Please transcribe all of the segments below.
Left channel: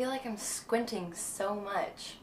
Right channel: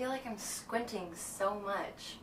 feel like I'm squinting so much.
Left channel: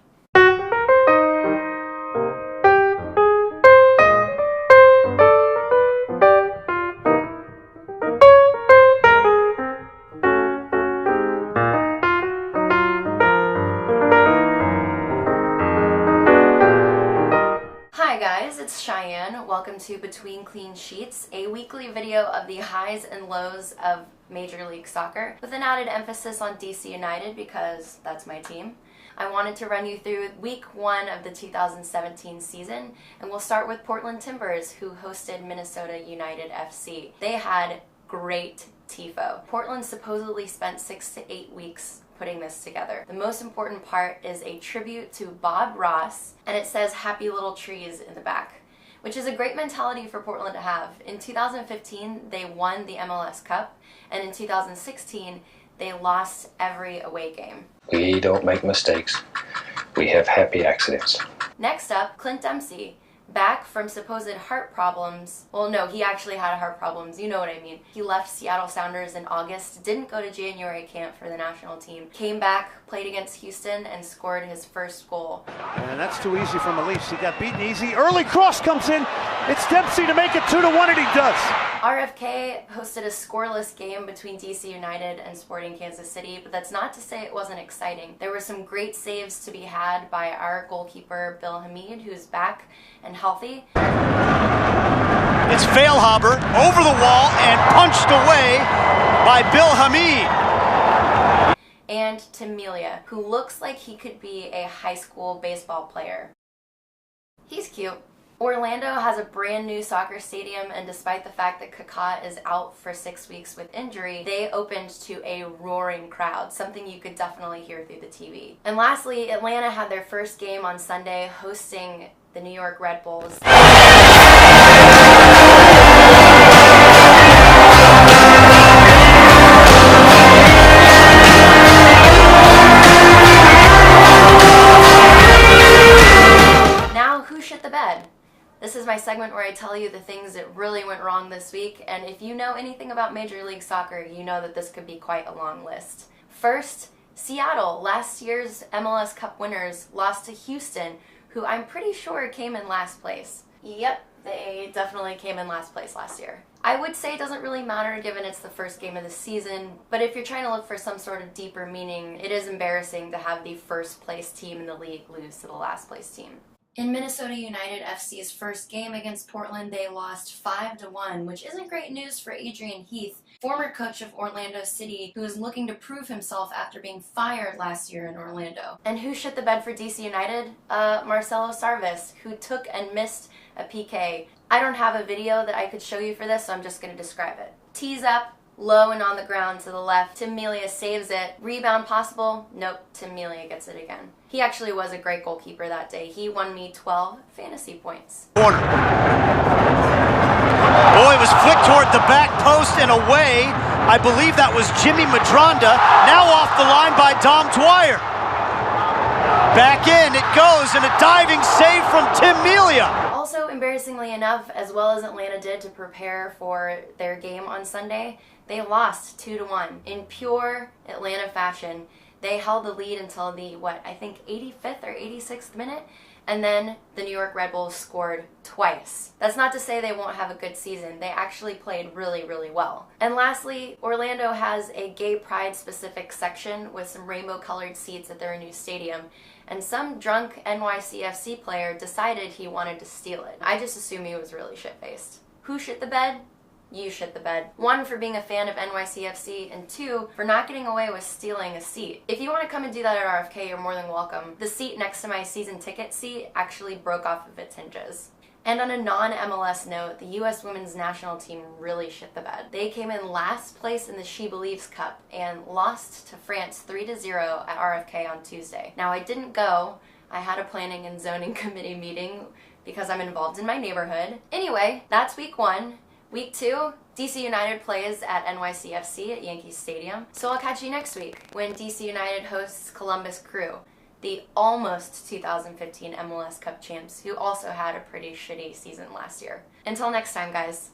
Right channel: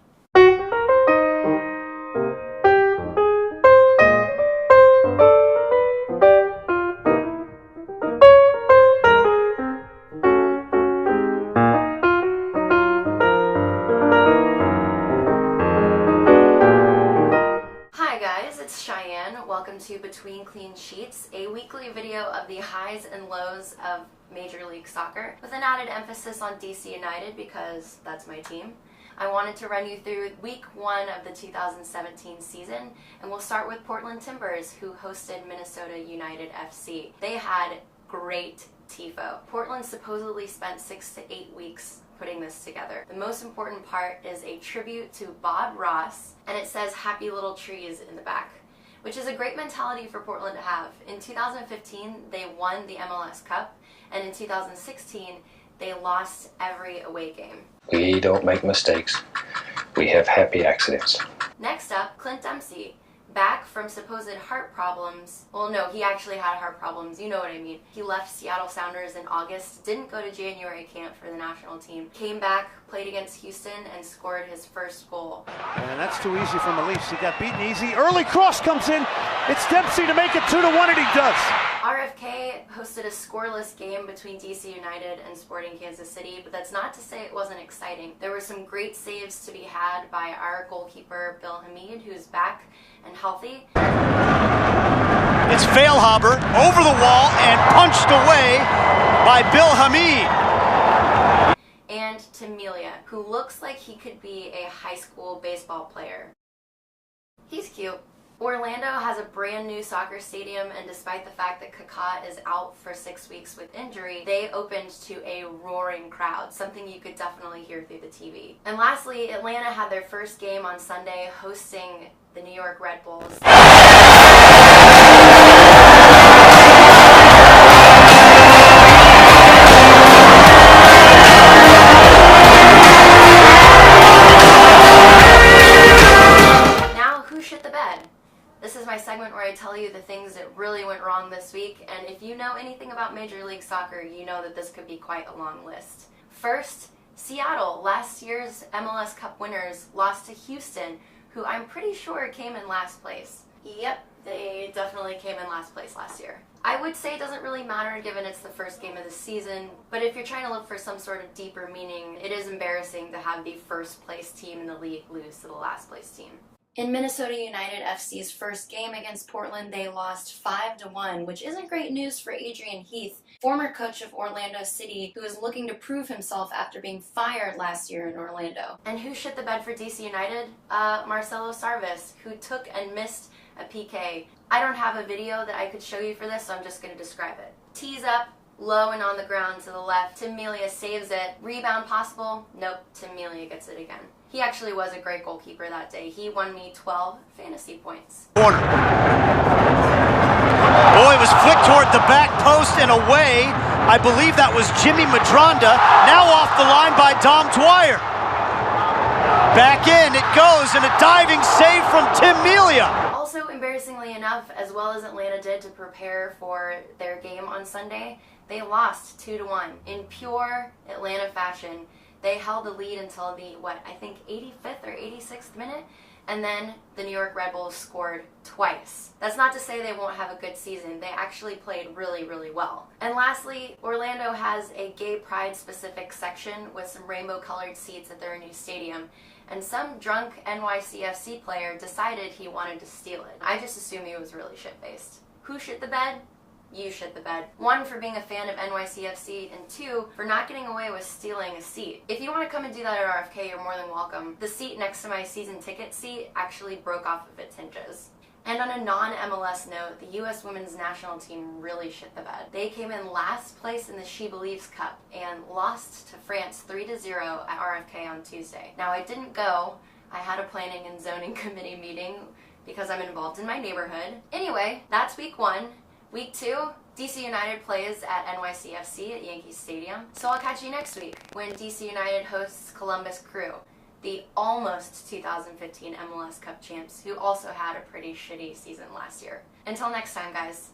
Hi guys, it's Cheyenne. Welcome to Between Clean Sheets, a weekly video of the highs and lows of Major League Soccer, with an added emphasis on DC United because that's my team. I wanted to run you through week one of the 2017 season, and we'll start with Portland Timbers, who hosted Minnesota United FC. They had great tifo. Portland supposedly spent 6 to 8 weeks putting this together. The most important part is a tribute to Bob Ross, and it says "Happy Little Trees" in the back, which is a great mentality for Portland to have. In 2015, they won the MLS Cup, and in 2016, they lost every away game. We don't make mistakes. We have happy accidents. Next up, Clint Dempsey. Back from supposed heart problems. Well, no, he actually had heart problems. You know what I mean. He left Seattle Sounders in August, didn't go to January camp for the national team, came back, played against Houston, and scored his first goal. And that's too easy from Elise. He got beaten easy. Early cross comes in. It's Dempsey to make it 2-1, and he does. RFK hosted a scoreless game between DC United and Sporting Kansas City, but that's not to say it wasn't exciting. There were some great saves to be had by our goalkeeper, Bill Hamid, who's back and healthy. It's Feilhaber over the wall and punched away by Bill Hamid. And Tamelia, who looks like he could be a high school baseball player. He's cute. Orlando has a brand new soccer stadium, and despite the fact that Kaká is out for 6 weeks with injury, they opened to a roaring crowd, something you could definitely hear through the TV. And lastly, Atlanta had their first game on Sunday, hosting the New York Red Bulls. This is my segment where I tell you the things that really went wrong this week, and if you know anything about Major League Soccer, you know that this could be quite a long list. First, Seattle, last year's MLS Cup winners, lost to Houston, who I'm pretty sure came in last place. Yep, they definitely came in last place last year. I would say it doesn't really matter given it's the first game of the season, but if you're trying to look for some sort of deeper meaning, it is embarrassing to have the first place team in the league lose to the last place team. In Minnesota United FC's first game against Portland, they lost 5-1, which isn't great news for Adrian Heath, former coach of Orlando City, who is looking to prove himself after being fired last year in Orlando. And who shit the bed for DC United? Marcelo Sarvis, who took and missed a PK. I don't have a video that I could show you for this, so I'm just going to describe it. Tees up, low and on the ground to the left. Tamelia saves it. Rebound possible? Nope, Tamelia gets it again. He actually was a great goalkeeper that day. He won me 12 fantasy points. Corner. Oh, it was flicked toward the back post and away. I believe that was Jimmy Madronda. Now off the line by Dom Dwyer. Back in it goes, and a diving save from Tamelia. Also, embarrassingly enough, as well as Atlanta did to prepare for their game on Sunday, they lost 2-1 in pure Atlanta fashion. They held the lead until the, 85th or 86th minute, and then the New York Red Bulls scored twice. That's not to say they won't have a good season. They actually played really, really well. And lastly, Orlando has a gay pride specific section with some rainbow colored seats at their new stadium, and some drunk NYCFC player decided he wanted to steal it. I just assume he was really shit-faced. Who shit the bed? You shit the bed. 1, for being a fan of NYCFC, and 2, for not getting away with stealing a seat. If you want to come and do that at RFK, you're more than welcome. The seat next to my season ticket seat actually broke off of its hinges. And on a non-MLS note, the U.S. women's national team really shit the bed. They came in last place in the She Believes Cup and lost to France 3-0 at RFK on Tuesday. Now, I didn't go. I had a planning and zoning committee meeting because I'm involved in my neighborhood. Anyway, that's week one. Week 2, DC United plays at NYCFC at Yankee Stadium. So I'll catch you next week when DC United hosts Columbus Crew, the almost 2015 MLS Cup champs, who also had a pretty shitty season last year. Until next time, guys.